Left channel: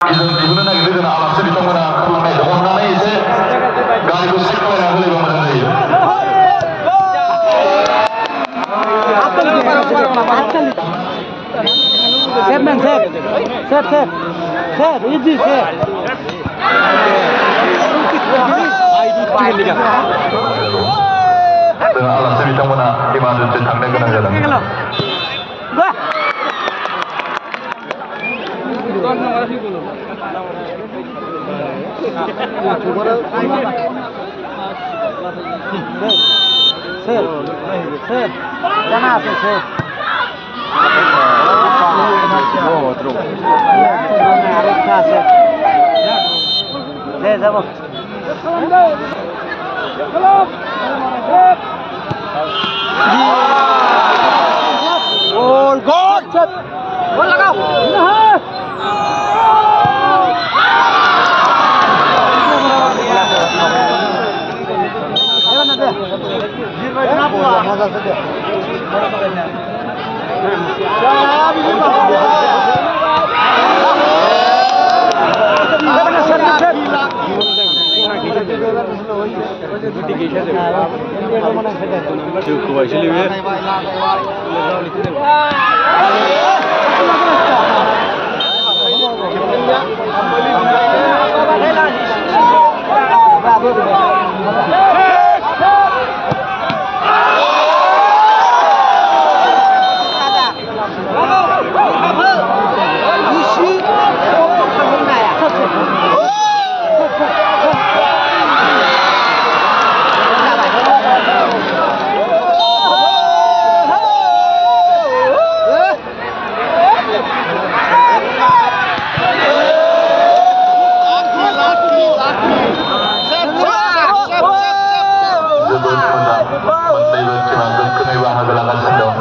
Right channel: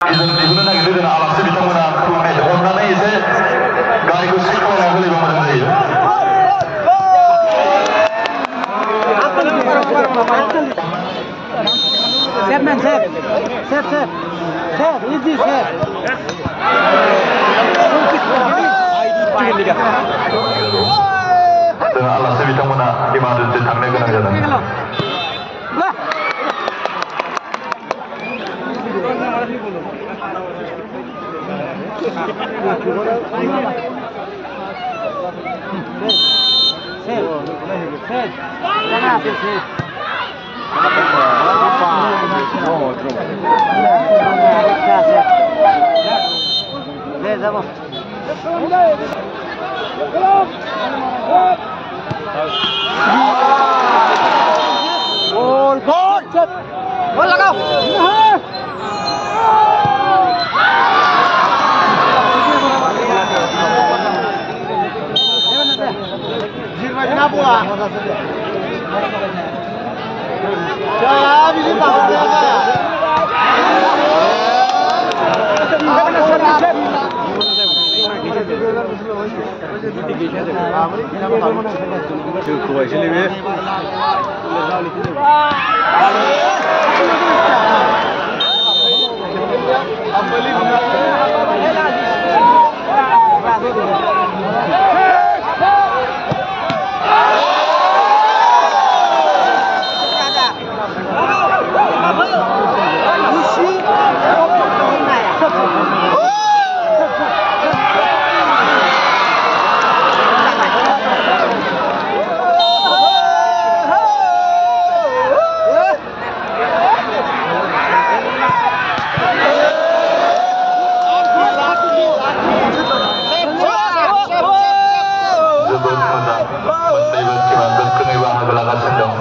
Izin dibunuh lagi dengan alasnya di tengah kelengah itu. Karena itu garis sekolah yang lebih banyak dari itu. Set man set, easy set. Dengan alasnya di tengah di mana itu tangnya kena jalan. Set, jangan asal set. Outro. Vamos. Gol, gol. Gol लगाओ. Cukup aja lebih. Menteri Berkembang Kekaisaran Sendong